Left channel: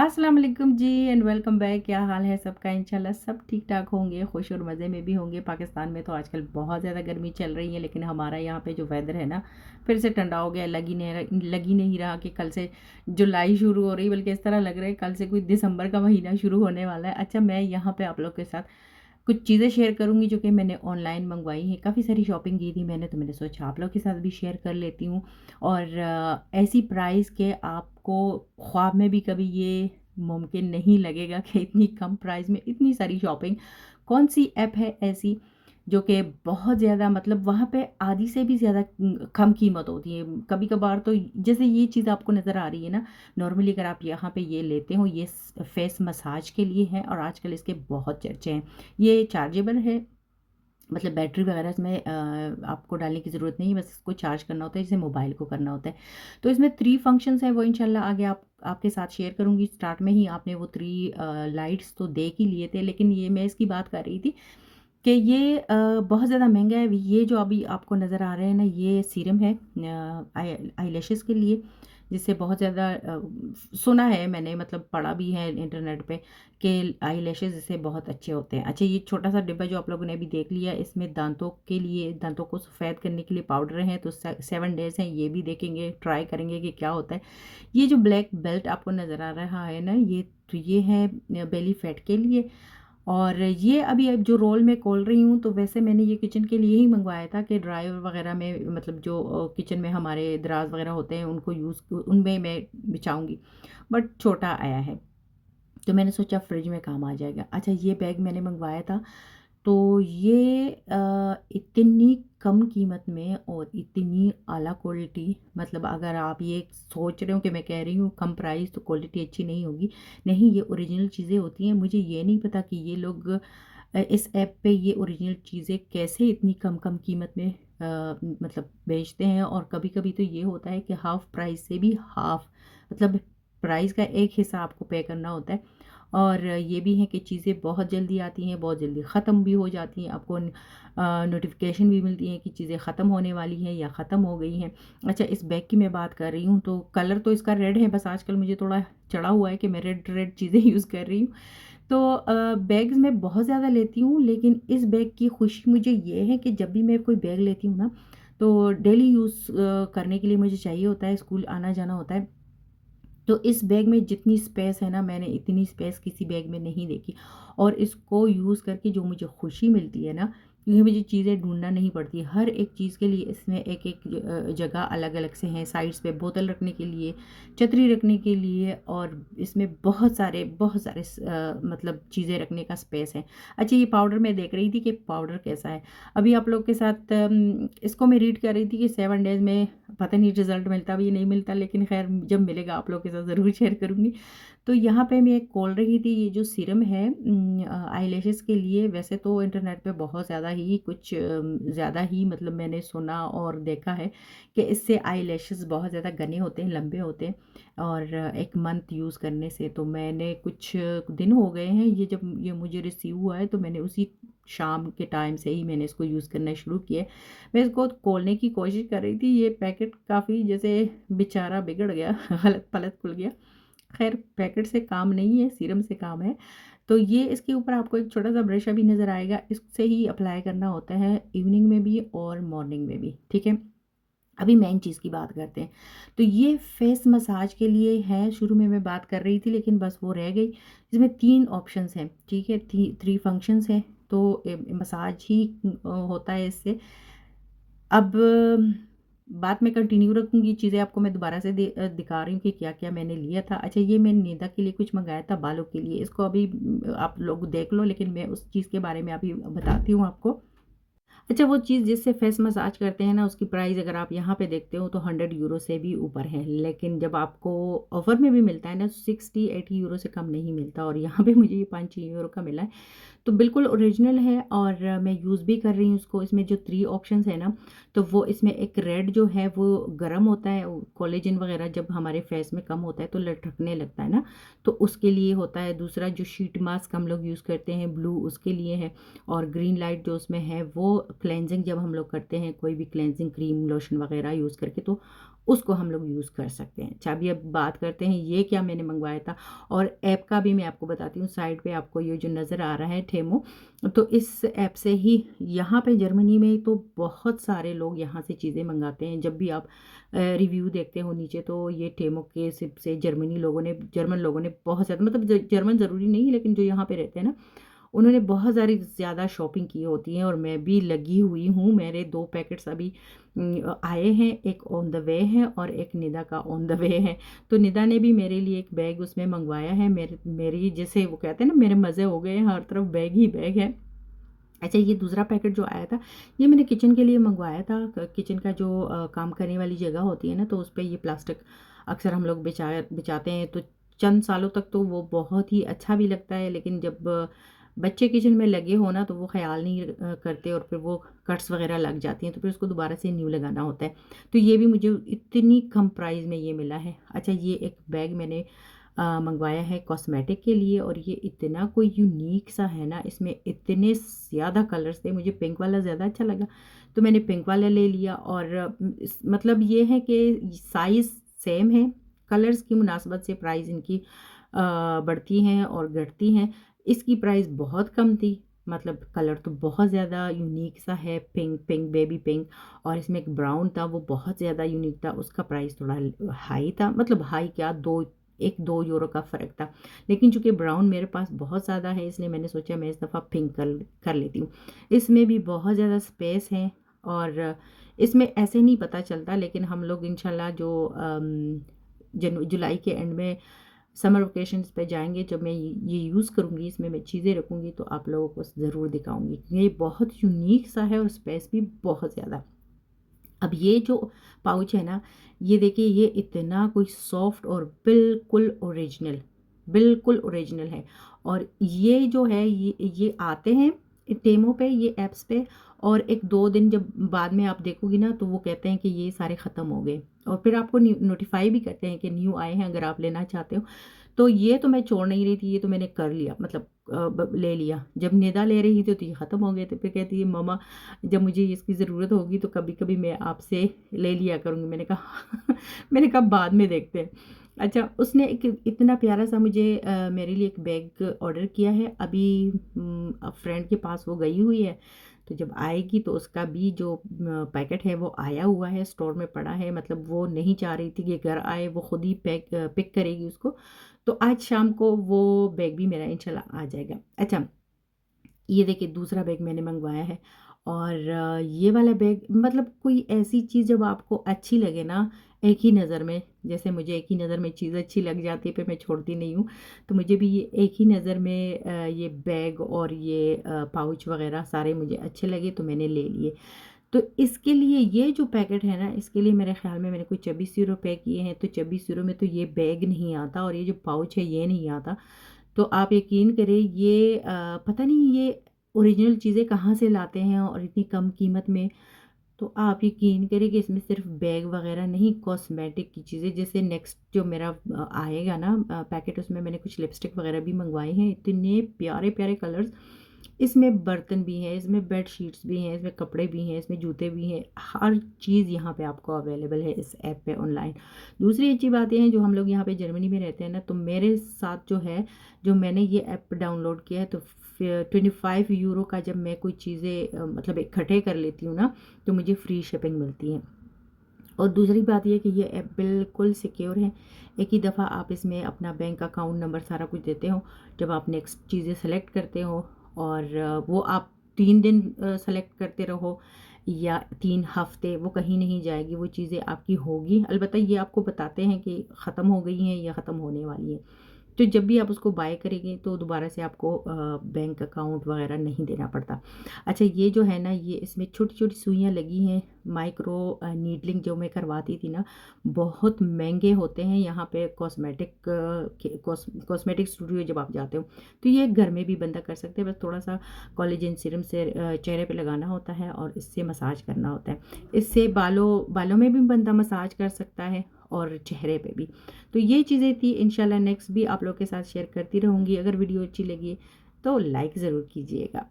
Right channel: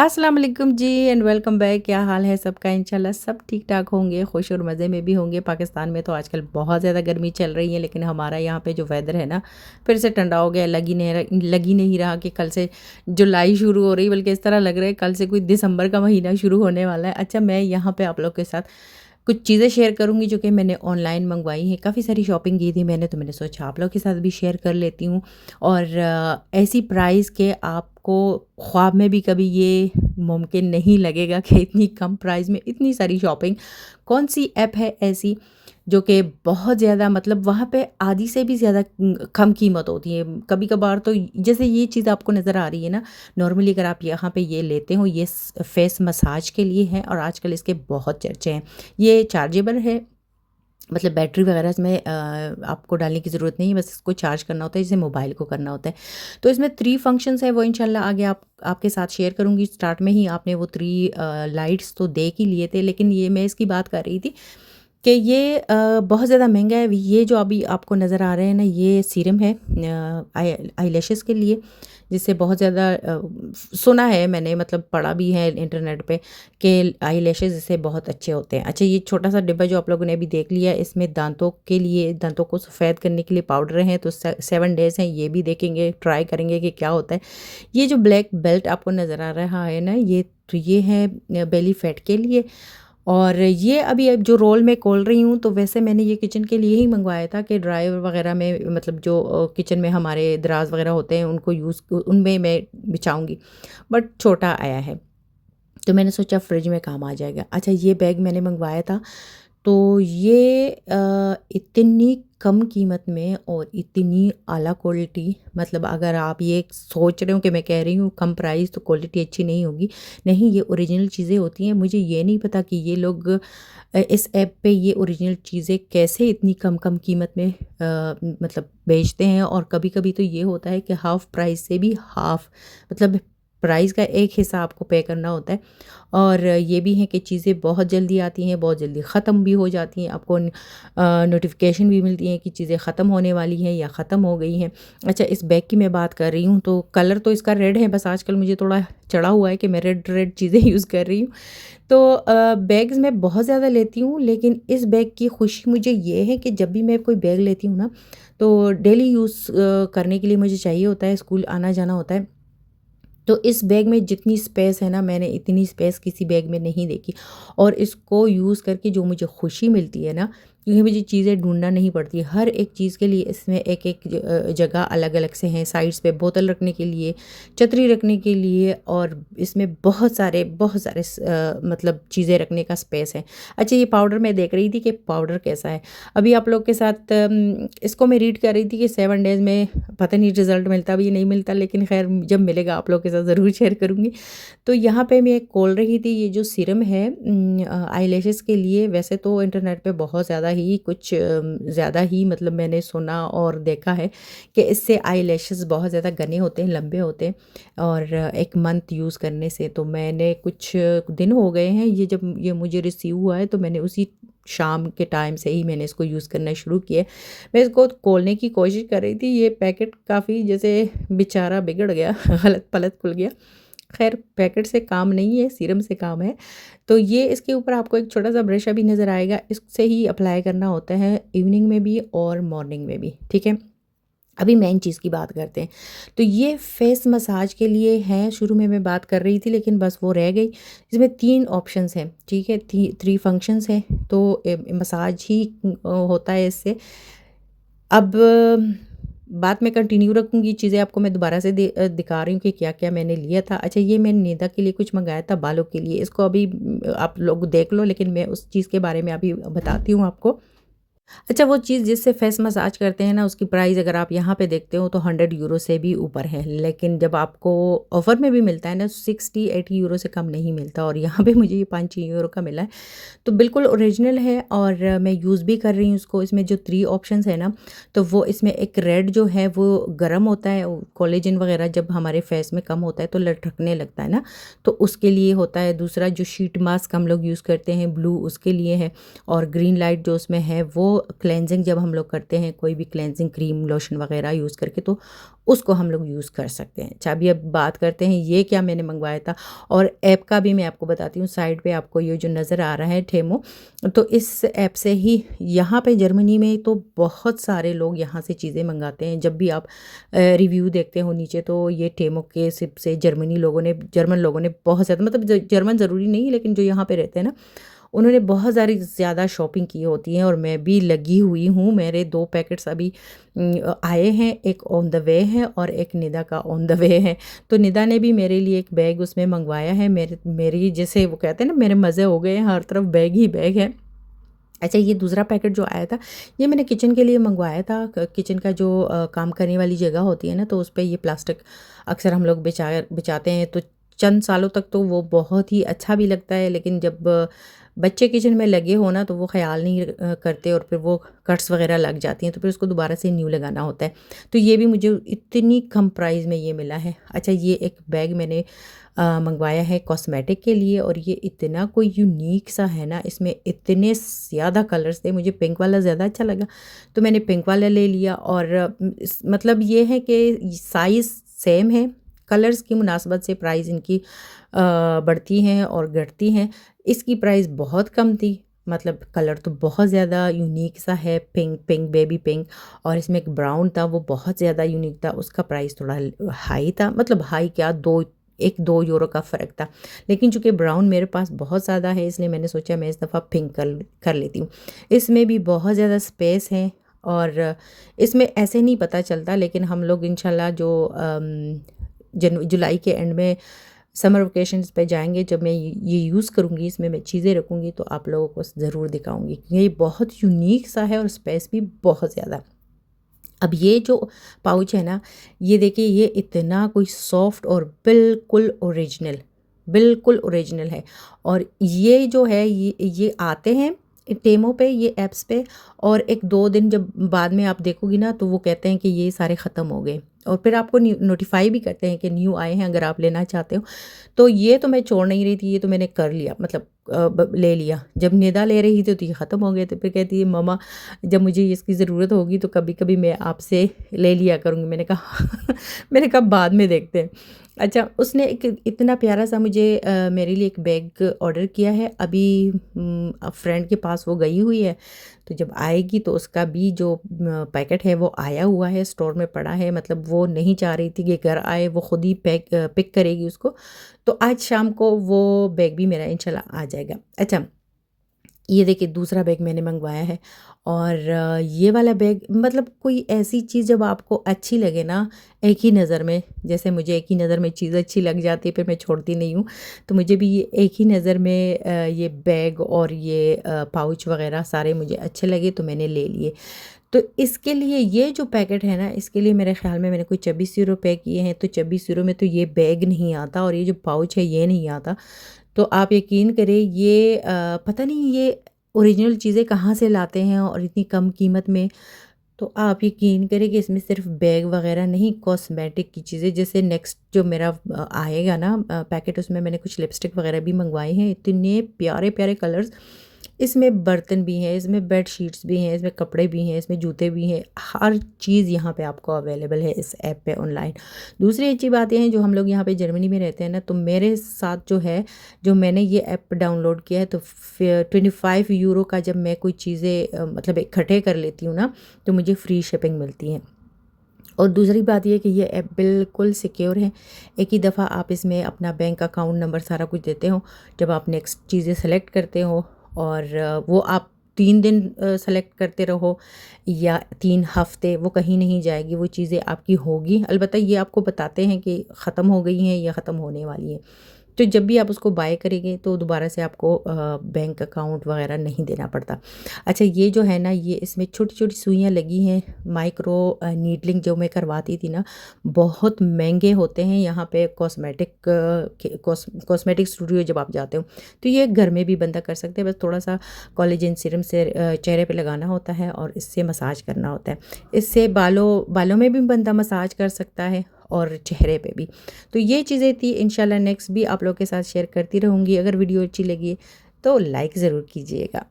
अस्सलाम वालेकुम जी and welcome back. क्या हाल है सबका? इंशाल्लाह सब ठीक ठाक होंगे, खुश और मज़े में भी होंगे। पाकिस्तान में तो आजकल बहुत ज़्यादा गर्मी चल रही है, लेकिन हमारा यहाँ पे जो वेदर है ना, फिर से ठंडा हो गया। लग ही नहीं रहा कि कल से जुलाई शुरू हो रही, बल्कि इस तरह लग रहा है कल से कोई दिसंबर का महीना शुरू होने वाला है। अच्छा, मैं यहाँ पे आप लोग के साथ कुछ चीज़ें शेयर करूँगी जो कि मैंने ऑनलाइन मंगवाई हैं। काफ़ी सारी शॉपिंग की थी मैंने, तो मैंने सोचा आप लोग के साथ भी शेयर कर लेती हूँ। और ऐसी प्राइस के आपको ख्वाब में भी कभी ये मुमकिन नहीं लगेगा कि इतनी कम प्राइस में इतनी सारी शॉपिंग। कौन सी ऐप है ऐसी जो कि बहुत ज़्यादा, मतलब वहाँ पे आधी से भी ज़्यादा कम कीमत होती है। कभी-कभार तो जैसे ये चीज़ आपको नज़र आ रही है ना, नॉर्मली अगर आप यहाँ पे ये लेते हो, ये फेस मसाज के लिए है और आजकल इसके बहुत चर्चे हैं। ये चार्जेबल है, मतलब बैटरी वगैरह इसमें आपको डालने की ज़रूरत नहीं है, बस इसको चार्ज करना होता है जैसे मोबाइल को करना होता है। तो इसमें 3 फंक्शंस है, वो इंशाल्लाह आगे आपके साथ शेयर करूँगी। स्टार्ट में ही आपने वो 3 लाइट्स तो देख ही लिए थे, लेकिन ये मैं इसकी बात कर रही थी कि ये बहुत ज़्यादा महँगा है। ये जो अभी आपको नज़र आ रहे हैं ना, ये सीरम है आईलैशेज़ के लिए, जिससे बहुत ज़्यादा सुना है मैंने, मतलब पढ़ा भी है इंटरनेट पे कि आईलैशेज़ इससे बहुत अच्छे होते हैं। अच्छा, ये छोटा-सा डिब्बा जो आप लोगों ने अभी देख लिया, इसमें दाँतों के लिए, दाँतों को सफ़ेद करने के लिए पाउडर हैं, तो 7 डेज़ हैं, ये भी देखेंगे, ट्राई करेंगे कि क्या होता है। ये जो ब्लैक बेल्ट आपको नज़र आ रहा है ना, ये है बेली फैट के लिए। और ये अभी अब जो रोल मैं खोल रही हूँ, तो वैसे मैंने ये किचन के लिए ही मंगवाया था कि ड्रायर वगैरह में, मतलब जो किचन में हमारे दराज वगैरह होते हैं उनको उनमें मैं बिछाऊँगी, बट छोटा आया है, तो मैंने सोचा फ्रिज में काम आ जाएगा। अच्छा, ये बैग मैंने मंगवाया था, तो ये इतनी कम कीमत में और इतनी आला क्वालिटी, मतलब अगर आप ये सोच रहे हो कि मैं कह रही हूँ कम प्राइस तो क्वालिटी अच्छी नहीं होगी, नहीं, ये ओरिजिनल चीज़ें होती हैं। मुझे ये नहीं पता कि ये लोग इस ऐप पे ये ओरिजिनल चीज़ें कैसे इतनी कम कीमत में मतलब बेचते हैं। और कभी-कभी तो ये होता है कि हाफ़ प्राइस से भी हाफ़, मतलब प्राइस का एक हिस्सा आपको पे करना होता है। और ये भी है कि चीज़ें बहुत जल्दी आती हैं, बहुत जल्दी ख़त्म भी हो जाती हैं। आपको नोटिफ़िकेशन भी मिलती है कि चीज़ें ख़त्म होने वाली हैं या ख़त्म हो गई हैं। अच्छा, इस बैग की मैं बात कर रही हूँ, तो कलर तो इसका रेड है, बस आजकल मुझे थोड़ा चढ़ा हुआ है कि मैं रेड रेड चीज़ें यूज़ कर रही हूँ। तो बैग्स मैं बहुत ज़्यादा लेती हूँ, लेकिन इस बैग की खुशी मुझे ये है कि जब भी मैं कोई बैग लेती हूँ ना, तो डेली यूज़ करने के लिए मुझे चाहिए होता है, स्कूल आना-जाना होता है। तो इस बैग में जितनी स्पेस है ना, मैंने इतनी स्पेस किसी बैग में नहीं देखी। और इसको यूज़ करके जो मुझे खुशी मिलती है ना, क्योंकि मुझे चीज़ें ढूँढना नहीं पड़ती। हर एक चीज़ के लिए इसमें एक-एक जगह अलग-अलग से हैं। साइड्स पे बोतल रखने के लिए, छतरी रखने के लिए, और इसमें बहुत सारे मतलब चीज़ें रखने का स्पेस है। अच्छा, ये पाउडर मैं देख रही थी कि पाउडर कैसा है। अभी आप लोग के साथ इसको मैं रीड कर रही थी कि 7 डेज़ में पता नहीं रिज़ल्ट मिलता भी नहीं मिलता, लेकिन ख़ैर जब मिलेगा आप लोग के साथ ज़रूर शेयर करूँगी। तो यहाँ पे मैं खोल रही थी ये जो सीरम है आईलैशेज़ के लिए। वैसे तो इंटरनेट पे बहुत ज़्यादा ही कुछ ज़्यादा ही, मतलब मैंने सुना और देखा है कि इससे आईलैशेज़ बहुत ज़्यादा घने होते हैं, लंबे होते हैं, और 1 मंथ यूज़ करने से। तो मैंने कुछ दिन हो गए हैं, ये जब ये मुझे रिसीव हुआ है, तो मैंने उसी शाम के टाइम से ही मैंने इसको यूज़ करना शुरू किया है। मैं इसको खोलने की कोशिश कर रही थी, ये पैकेट काफ़ी जैसे बेचारा बिगड़ गया गलत-पलत खुल गया। ख़ैर पैकेट से काम नहीं है, सीरम से काम है। तो ये इसके ऊपर आपको एक छोटा-सा ब्रश अभी नज़र आएगा, इससे ही अप्लाई करना होता है इवनिंग में भी और मॉर्निंग में भी, ठीक है? अभी मेन चीज़ की बात करते हैं। तो ये फेस मसाज के लिए है, शुरू में मैं बात कर रही थी लेकिन बस वो रह गई। इसमें 3 ऑप्शंस हैं, ठीक है? 3 फंक्शंस हैं, तो मसाज ही होता है इससे। अब बात मैं कंटिन्यू रखूँगी, चीज़ें आपको मैं दोबारा से दिखा रही हूँ कि क्या-क्या मैंने लिया था। अच्छा, ये मैंने निदा के लिए कुछ मँगाया था बालों के लिए, इसको अभी आप लोग देख लो, लेकिन मैं उस चीज़ के बारे में अभी बताती हूँ आपको। अच्छा, वो चीज़ जिससे फेस मसाज करते हैं ना, उसकी प्राइस अगर आप यहाँ पे देखते हो तो 100 यूरो से भी ऊपर है। लेकिन जब आपको ऑफ़र में भी मिलता है ना, 60-80 यूरो से कम नहीं मिलता, और यहाँ पे मुझे ये 5-6 यूरो का मिला है। तो बिल्कुल ओरिजिनल है, और मैं यूज़ भी कर रही हूँ उसको। इसमें जो 3 ऑप्शंस है ना, तो वो इसमें एक रेड जो है वो गर्म होता है, कोलेजन वगैरह जब हमारे फेस में कम होता है तो लटकने लगता है ना, तो उसके लिए होता है। दूसरा जो शीट मास्क हम लोग यूज़ करते हैं ब्लू, उसके लिए है। और ग्रीन लाइट जो उसमें है वो क्लेंजिंग जब हम लोग करते हैं कोई भी क्लेंजिंग क्रीम लोशन वगैरह यूज़ करके, तो उसको हम लोग यूज़ कर सकते हैं। अच्छा, अभी अब बात करते हैं ये क्या मैंने मंगवाया था, और ऐप का भी मैं आपको बताती हूँ। साइड पे आपको ये जो नज़र आ रहा है टेमो, तो इस ऐप से ही यहाँ पे जर्मनी में तो बहुत सारे लोग यहाँ से चीज़ें मंगाते हैं। जब भी आप रिव्यू देखते हो नीचे, तो ये टेमो के सिप से जर्मन लोगों ने बहुत ज़्यादा, मतलब जर्मन ज़रूरी नहीं, लेकिन जो यहाँ पे रहते हैं ना, उन्होंने बहुत सारी ज़्यादा शॉपिंग की होती है, और मैं भी लगी हुई हूँ। मेरे 2 पैकेट्स अभी आए हैं, एक ऑन द वे है और एक निदा का ऑन द वे है। तो निदा ने भी मेरे लिए एक बैग उसमें मंगवाया है। मेरी जैसे वो कहते हैं ना, मेरे मज़े हो गए हैं, हर तरफ बैग ही बैग है। अच्छा, ये दूसरा पैकेट जो आया था, ये मैंने किचन के लिए मंगवाया था। किचन का जो काम करने वाली जगह होती है ना, तो उस पे ये प्लास्टिक अक्सर हम लोग बिछाते हैं, तो चंद सालों तक तो वो बहुत ही अच्छा भी लगता है, लेकिन जब बच्चे किचन में लगे हो ना, तो वो ख़्याल नहीं करते, और फिर वो कट्स वग़ैरह लग जाती हैं, तो फिर उसको दोबारा से न्यू लगाना होता है। तो ये भी मुझे इतनी कम प्राइस में ये मिला है। अच्छा, ये एक बैग मैंने मंगवाया है कॉस्मेटिक के लिए, और ये इतना कोई यूनिक सा है ना, इसमें इतने ज़्यादा कलर्स थे। मुझे पिंक वाला ज़्यादा अच्छा लगा, तो मैंने पिंक वाला ले लिया। और मतलब ये है कि साइज़ सेम है, कलर्स की मुनासबत से प्राइस इनकी बढ़ती हैं और घटती हैं। इसकी प्राइस बहुत कम थी, मतलब कलर तो बहुत ज़्यादा यूनिक सा है, पिंक पिंक बेबी पिंक, और इसमें एक ब्राउन था, वो बहुत ज़्यादा यूनिक था। उसका प्राइस थोड़ा हाई था, मतलब हाई क्या, 2 यूरो का फ़र्क था। लेकिन चूँकि ब्राउन मेरे पास बहुत ज़्यादा है, इसलिए मैंने सोचा मैं इस दफ़ा पिंक कर लेती हूँ। इसमें भी बहुत ज़्यादा स्पेस है, और इसमें ऐसे नहीं पता चलता, लेकिन हम लोग इंशाल्लाह जो जुलाई के एंड में समर वेकेशंस पे जाएंगे, जब मैं ये यूज़ करूँगी, इसमें मैं चीज़ें रखूँगी, तो आप लोगों को ज़रूर दिखाऊँगी, क्योंकि ये बहुत यूनिक सा है और स्पेस भी बहुत ज़्यादा। अब ये जो पाउच है ना, ये देखिए, ये इतना कोई सॉफ्ट और बिल्कुल ओरिजिनल है। और ये जो है, ये आते हैं टेमो पे, ये ऐप्स पे, और 1-2 दिन जब बाद में आप देखोगी ना, तो वो कहते हैं कि ये सारे ख़त्म हो गए, और फिर आपको नोटिफाई भी करते हैं कि न्यू आए हैं, अगर आप लेना चाहते हो। तो ये तो मैं छोड़ नहीं रही थी, ये तो मैंने कर लिया, मतलब ले लिया। जब निदा ले रही थी, तो ये ख़त्म हो गए थे, फिर कहती है मम्मा, जब मुझे इसकी ज़रूरत होगी तो कभी कभी मैं आपसे ले लिया करूँगी। मैंने कहा मैंने कहा बाद में देखते हैं। अच्छा, उसने एक इतना प्यारा सा मुझे मेरे लिए एक बैग ऑर्डर किया है। अभी फ्रेंड के पास वो गई हुई है, तो जब आएगी तो उसका भी जो पैकेट है वो आया हुआ है, स्टोर में पड़ा है। मतलब वो नहीं चाह रही थी कि घर आए, वो खुद ही पिक करेगी उसको। तो आज शाम को वो बैग भी मेरा इंशाल्लाह आ जाएगा। अच्छा, ये देखिए, दूसरा बैग मैंने मंगवाया है, और ये वाला बैग, मतलब कोई ऐसी चीज़ जब आपको अच्छी लगे ना, एक ही नज़र में, जैसे मुझे एक ही नज़र में चीज़ अच्छी लग जाती है, फिर मैं छोड़ती नहीं हूँ। तो मुझे भी ये एक ही नज़र में ये बैग और ये पाउच वग़ैरह सारे मुझे अच्छे लगे, तो मैंने ले लिए। तो इसके लिए ये जो पैकेट है ना, इसके लिए मेरे ख़्याल में मैंने कोई 24 यूरो पे किए हैं, तो 24 यूरो में तो ये बैग नहीं आता, और ये जो पाउच है ये नहीं आता। तो आप यकीन करें, ये पता नहीं ये ओरिजिनल चीज़ें कहाँ से लाते हैं और इतनी कम कीमत में। तो आप यकीन करें कि इसमें सिर्फ बैग वगैरह नहीं, कॉस्मेटिक की चीज़ें, जैसे नेक्स्ट जो मेरा आएगा ना पैकेट, उसमें मैंने कुछ लिपस्टिक वगैरह भी मंगवाए हैं। इतने प्यारे प्यारे कलर्स, इसमें बर्तन भी हैं, इसमें बेड शीट्स भी हैं, इसमें कपड़े भी हैं, इसमें जूते भी हैं, हर चीज़ यहाँ पे आपको अवेलेबल है इस ऐप पे ऑनलाइन। दूसरी अच्छी बात ये है, जो हम लोग यहाँ पे जर्मनी में रहते हैं ना, तो मेरे साथ जो है, जो मैंने ये ऐप डाउनलोड किया है, तो फिर 25 यूरो का जब मैं कोई चीज़ें मतलब इकट्ठे कर लेती हूँ ना, तो मुझे फ्री शिपिंग मिलती है। और दूसरी बात ये है कि ये ऐप बिल्कुल सिक्योर है। एक ही दफ़ा आप इसमें अपना बैंक अकाउंट नंबर सारा कुछ देते हो, जब आप नेक्स्ट चीज़ें सेलेक्ट करते हो, और वो आप 3 दिन सेलेक्ट करते रहो या 3 हफ़्ते, वो कहीं नहीं जाएगी, वो चीज़ें आपकी होगी। अलबत्ता ये आपको बताते हैं कि ख़त्म हो गई हैं या ख़त्म होने वाली हैं। तो जब भी आप उसको बाय करेंगे, तो दोबारा से आपको बैंक अकाउंट वग़ैरह नहीं देना पड़ता। अच्छा, ये जो है ना, ये इसमें छोटी-छोटी सुइयाँ लगी हैं, माइक्रो नीडलिंग जो मैं करवाती थी ना, बहुत महँगे होते हैं यहाँ पे कॉस्मेटिक स्टूडियो जब आप जाते हो। तो ये घर में भी बंदा कर सकते हैं, बस थोड़ा-सा कोलेजन सीरम से चेहरे पे लगाना होता है, और इससे मसाज करना होता है। इससे बालों में भी बंदा मसाज कर सकता है, और चेहरे पे भी। तो ये चीज़ें थी, इंशाल्लाह नेक्स्ट भी आप लोग के साथ शेयर करती रहूँगी। अगर वीडियो अच्छी लगी तो लाइक ज़रूर कीजिएगा।